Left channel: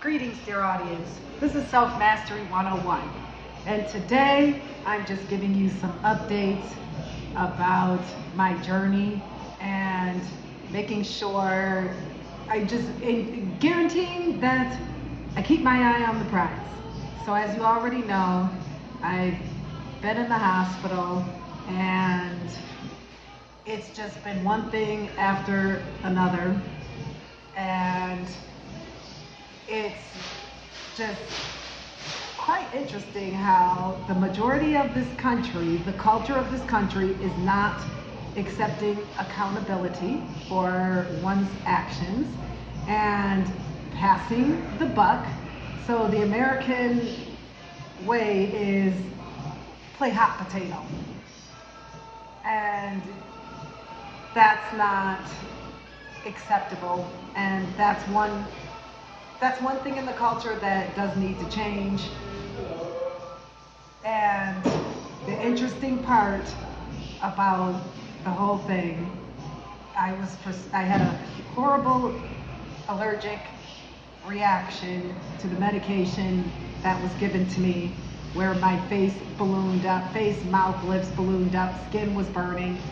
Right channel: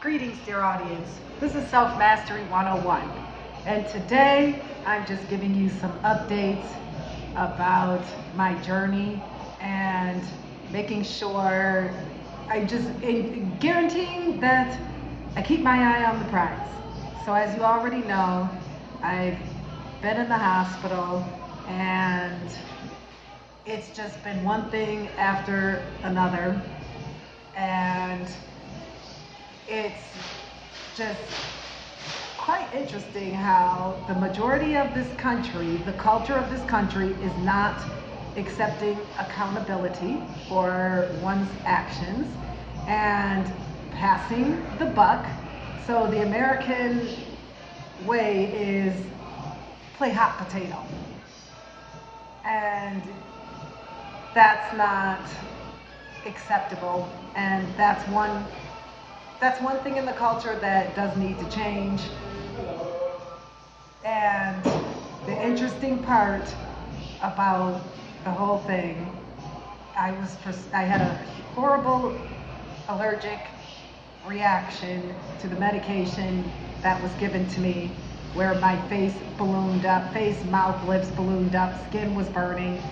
Greetings, dear audience. This is Self Mastery 101. And today I'm just giving you some updates about my journey and making sure I just guarantee that I keep my eye on the prize. So as you already know, I've been in the hospital and it's just been one thing after another. And it's just quite interesting how the majority of this country, the culture of this country, is not accepting accountability for one's actions and passing the buck. So the American way is play hot potato. And that's not acceptable, and that's one thing in the culture that does need to change. And the interesting part about the whole thing, I had a horrible allergic reaction to the medication that was given to me, where my face ballooned up, mouth, lips ballooned up, skin was burning,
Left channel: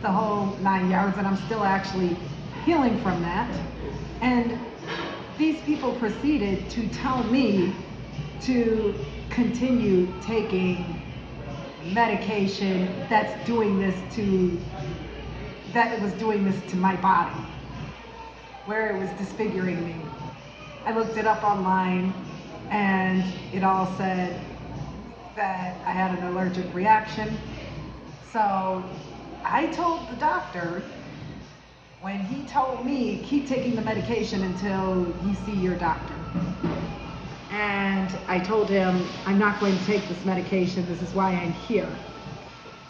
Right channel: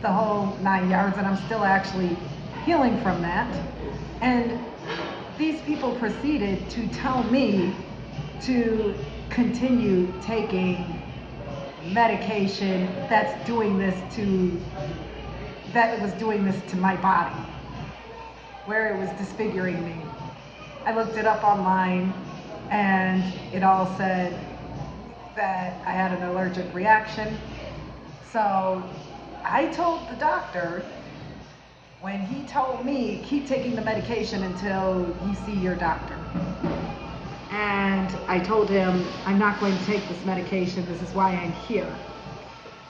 the whole 9 yards, and I'm still actually healing from that. And these people proceeded to tell me to continue taking medication that it was doing this to my body, where it was disfiguring me. I looked it up online and it all said that I had an allergic reaction. So I told the doctor, when he told me, keep taking the medication until you see your doctor. And I told him, I'm not going to take this medication, this is why I'm here.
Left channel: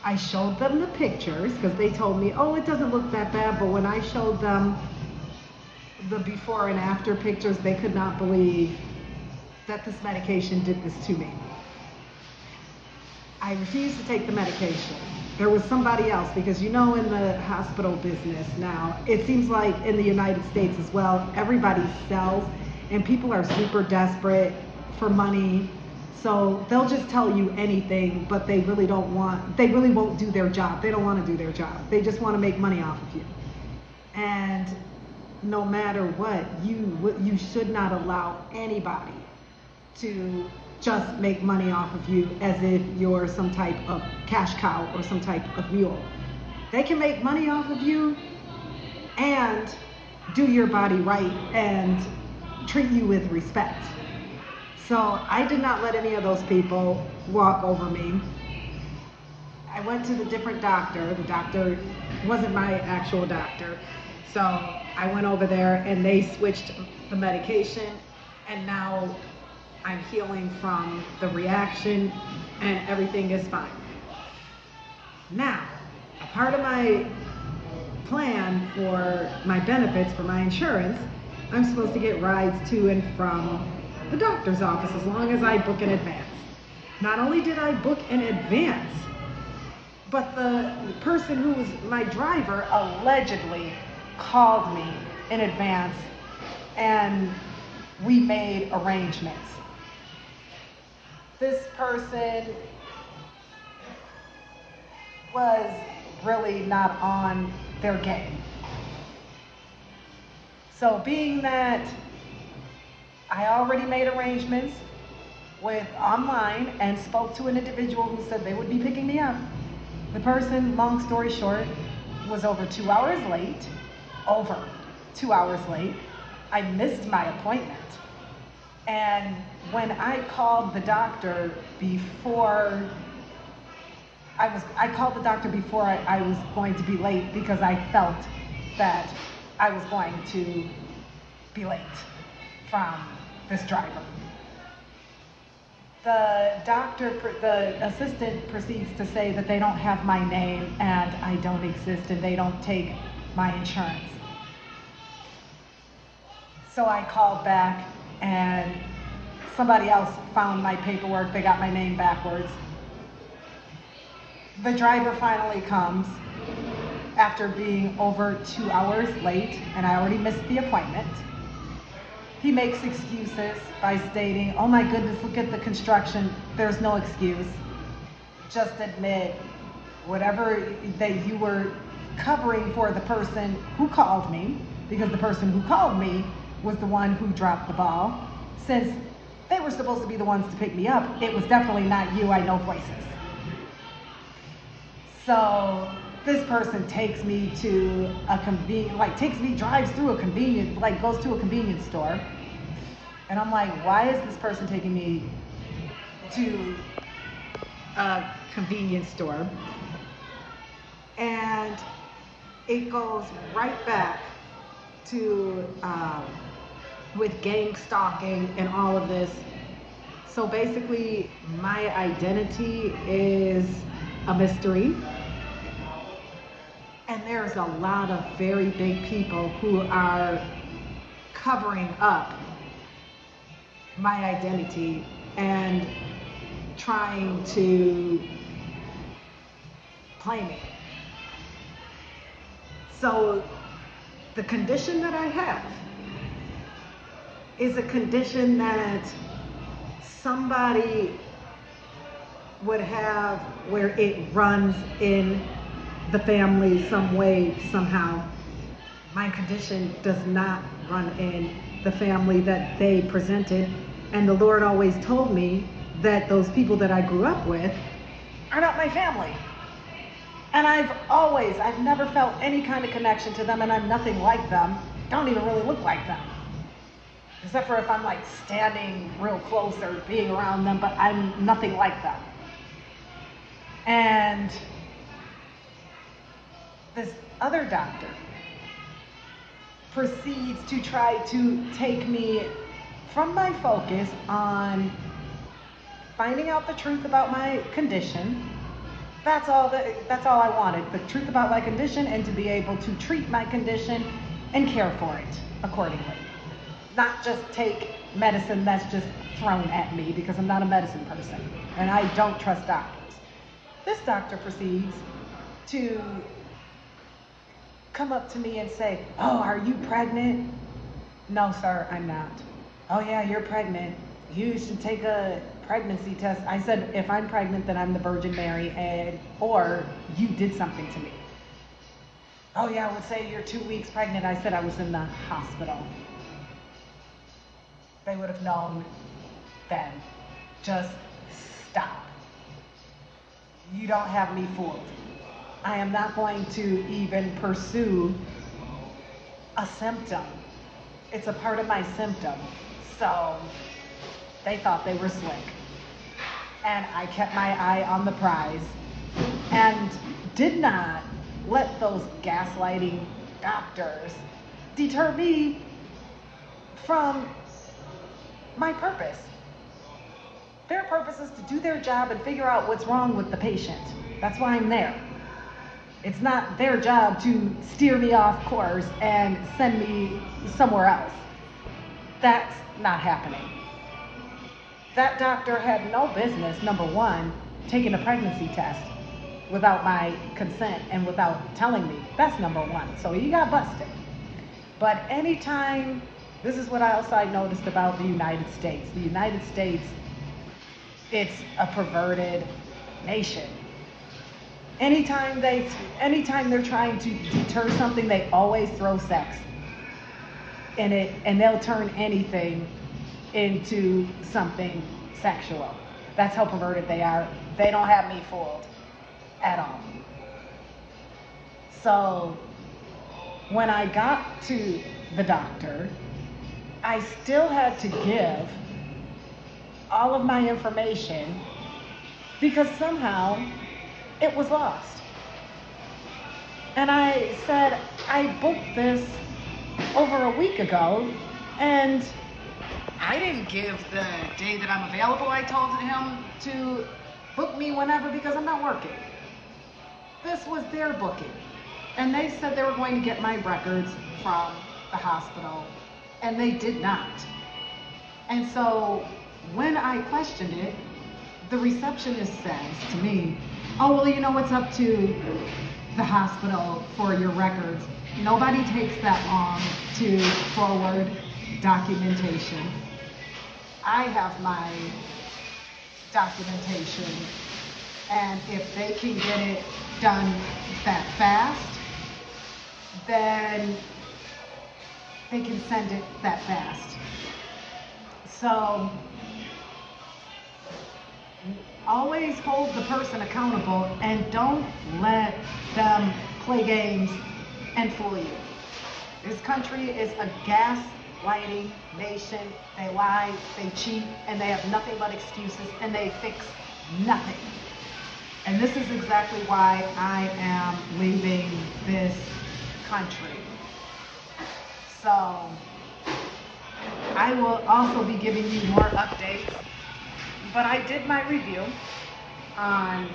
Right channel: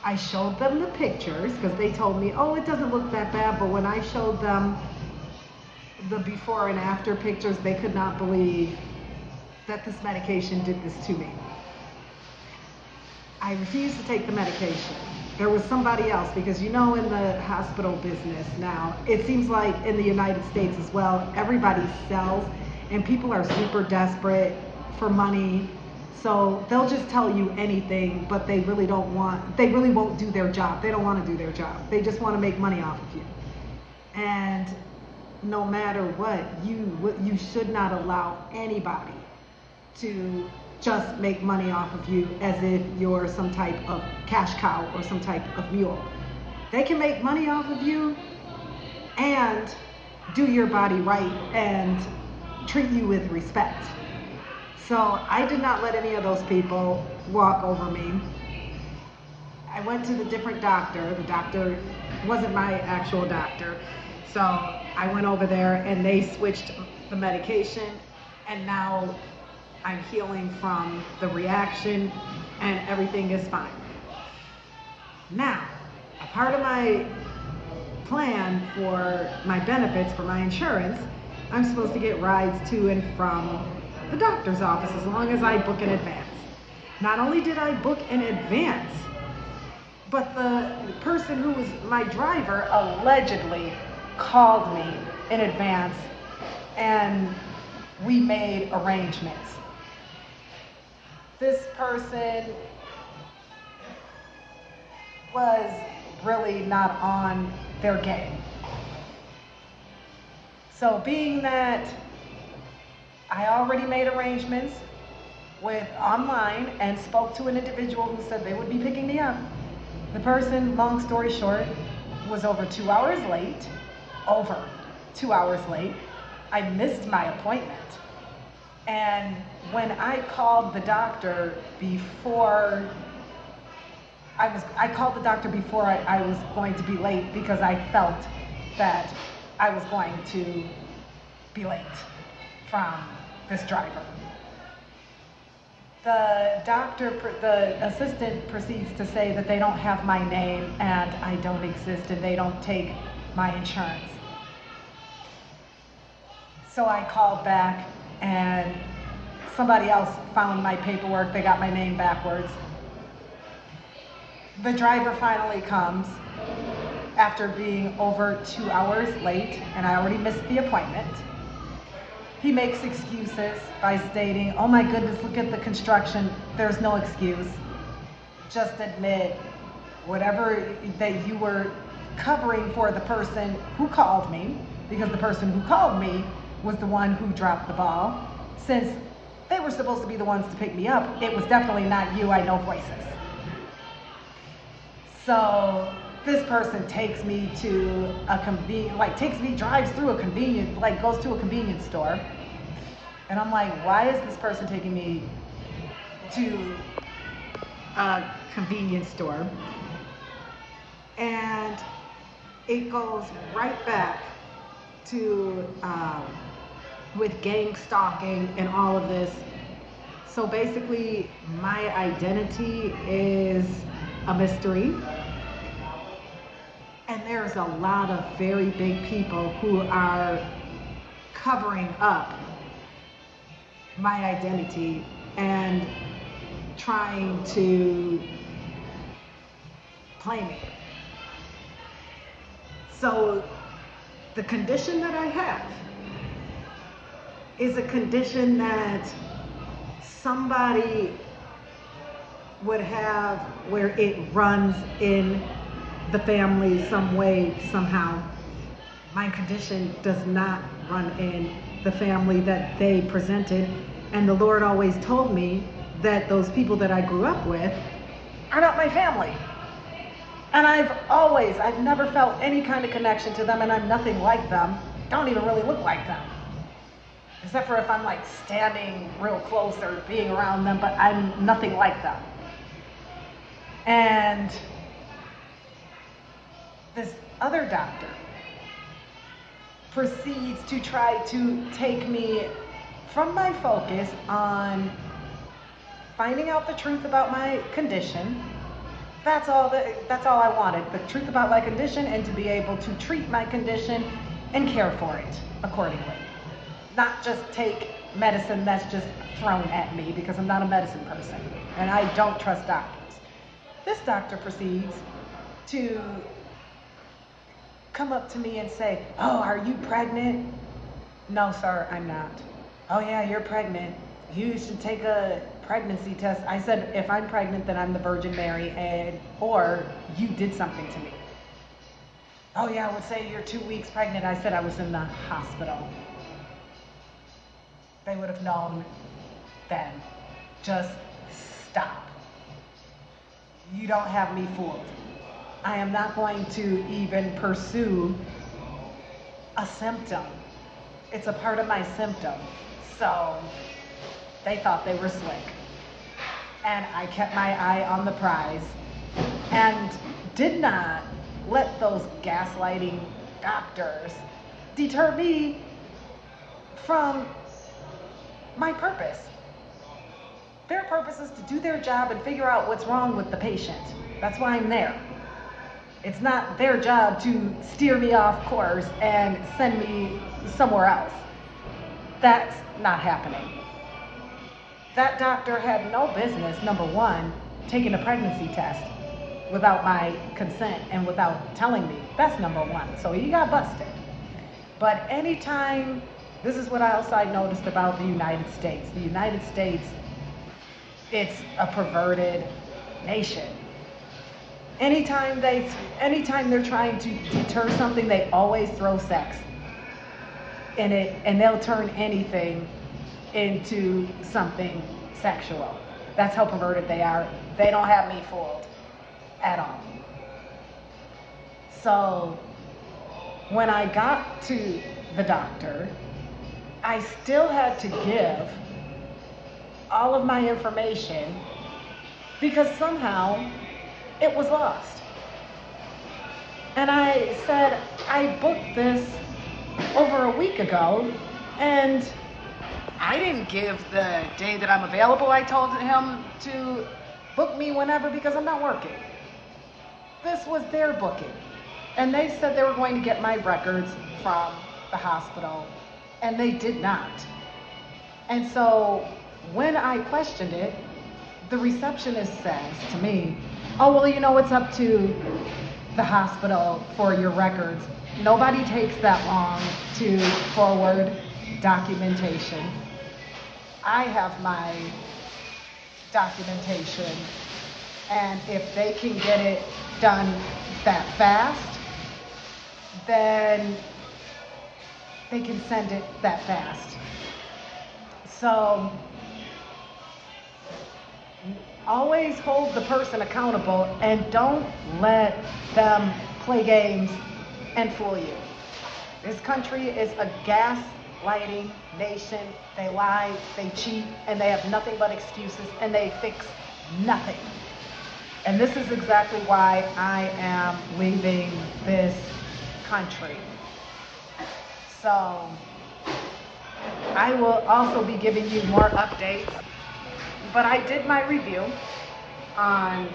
I showed them the pictures, because they told me, oh, it doesn't look that bad, but when I showed them the before and after pictures, they could not believe that this medication did this to me. I refused to take the medication. There was somebody else, because in the hospital business now, it seems like in the United States as well, everybody sells, and people are super desperate for money, so they'll just tell you anything, but they really won't do their job. They don't want to do their job. They just want to make money off of you. And no matter what, you should not allow anybody to just make money off of you as if you're some type of cash cow or some type of mule. They can make money off of you and do your body right and treat you with respect. So I did not let any of those people walk over me. I went to the different doctor. The doctor wasn't my actual doctor. So I went over there and they switched the medication, and now I'm healing from the reaction and everything is fine. Now, a part of my plan for my benefits for my insurance, I'm supposed to get rides to and from the doctor's office as long as I book in advance. Not only did I book in advance, but the person who was my driver allegedly called me in advance and we made arrangements. This person was really not on their game. So being that I already made arrangements with online and spoke to an individual who said they would be picking me up, the person, long story short, was over 2 hours late. I missed my appointment. And when I called the doctor before I was going to be late, because I felt that I was going to be late from this driver. The assistant proceeds to say that they don't have my name and I don't exist and they don't take my insurance. So I called back and somebody else found my paperwork, they got my name backwards. The driver finally comes after being over 2 hours late, and I already missed the appointment. He makes excuses by stating, oh my goodness, look at the construction. There's no excuse. Just admit whatever that you were covering for the person who called me, because the person who called me was the one who dropped the ball. Since they were supposed to be the ones to pick me up, it was definitely not you. I know places. So this person takes me to a drives through a convenience, goes to a convenience store. And I'm like, why is this person taking me to a convenience store? And it goes right back to with gang stalking and all of this. So basically, my identity is a mystery. And there's a lot of very big people who are covering up my identity and trying to claim it. So the condition that I have is a condition that somebody would have where it runs in the family some way, somehow. My condition does not run in the family that they presented, and the Lord always told me that those people that I grew up with are not my family. And I've never felt any kind of connection to them, and I'm nothing like them. Don't even really look like them. Except for if I'm like standing real close or being around them, but I'm nothing like them. And this other doctor proceeds to try to take me from my focus on finding out the truth about my condition. That's all I wanted, the truth about my condition and to be able to treat my condition and care for it accordingly. Not just take medicine that's just thrown at me, because I'm not a medicine person and I don't trust doctors. This doctor proceeds to come up to me and say, oh, are you pregnant? No, sir, I'm not. Oh yeah, you're pregnant. You should take a pregnancy test. I said, if I'm pregnant, then I'm the Virgin Mary, or you did something to me. Oh yeah, well, say you're 2 weeks pregnant. I said I was in the hospital. They would have known then. Just stop. You don't have me fooled. I am not going to even pursue a symptom. It's a part of my symptom. So they thought they were slick. And I kept my eye on the prize and did not let those gaslighting doctors deter me from my purpose. Their purpose is to do their job and figure out what's wrong with the patient. That's why I'm there. It's not their job to steer me off course and send me somewhere else. That's not happening. That doctor had no business, number one, taking a pregnancy test without my consent and without telling me. That's number one. So he got busted. But anytime, this is what else I noticed about the United States. The United States, it's a perverted nation. Anytime they're trying to deter something, they always throw sex in it, and they'll turn anything into something sexual. That's how perverted they are. They don't have me fooled at all. So when I got to the doctor, I still had to give all of my information because somehow it was lost. And I said, I booked this over a week ago, and I didn't give the day that I'm available. I told him to book me whenever because I'm not working. This was their booking. And they said they were going to get my records from the hospital, and they did not. And so when I questioned it, the receptionist says to me, oh, well, you know, it's up to the hospital for your records. Nobody takes that long to forward documentation. I have my documentation, and if they can get it done that fast, then they can send it that fast. So always hold the person accountable and don't let them play games and fool you. This country is a gaslighting nation. They lie, they cheat, and they have nothing but excuses, and they fix nothing. And this is exactly why I am leaving this country. So I will also be giving you more updates. But I did my review on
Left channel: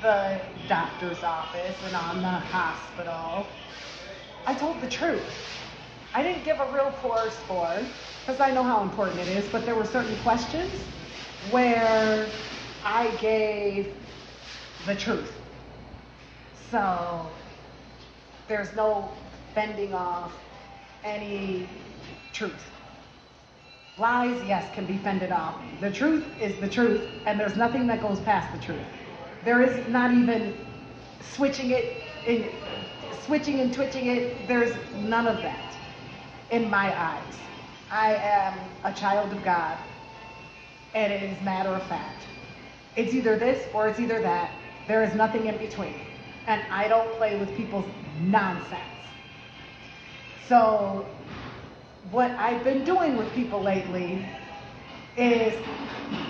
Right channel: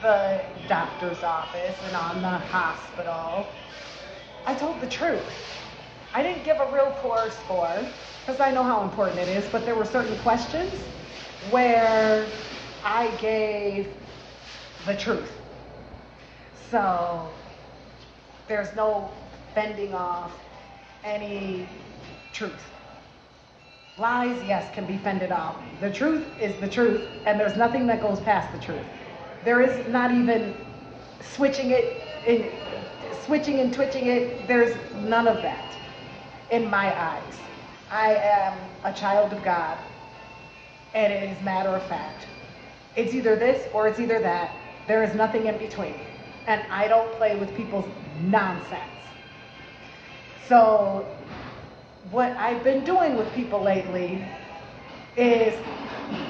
the doctor's office and on the hospital. I told the truth. I didn't give a real poor score because I know how important it is, but there were certain questions where I gave the truth. So there's no fending off any truth. Lies, yes, can be fended off. The truth is the truth, and there's nothing that goes past the truth. There is not even switching and twitching it. There's none of that in my eyes. I am a child of God, and it is matter of fact. It's either this or it's either that. There is nothing in between, and I don't play with people's nonsense. So what I've been doing with people lately is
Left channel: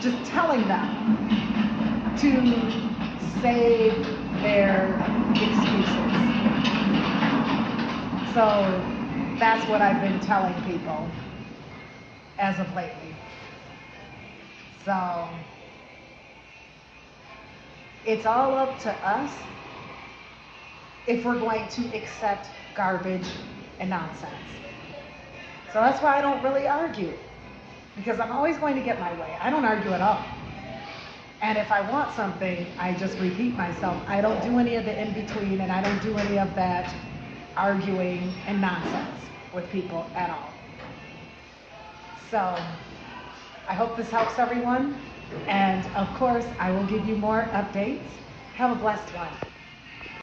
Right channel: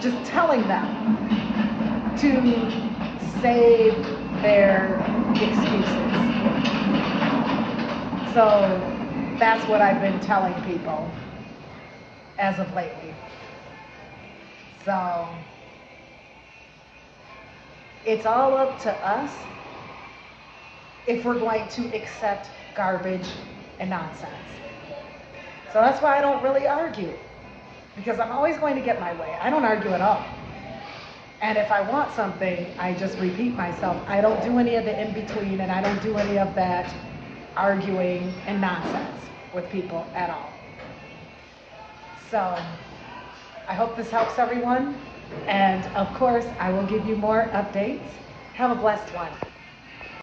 just telling them to save their excuses. So that's what I've been telling people as of lately. So it's all up to us if we're going to accept garbage and nonsense. So that's why I don't really argue, because I'm always going to get my way. I don't argue at all. And if I want something, I just repeat myself. I don't do any of the in-between, and I don't do any of that arguing and nonsense with people at all. So I hope this helps everyone. And of course, I will give you more updates. Have a blessed one.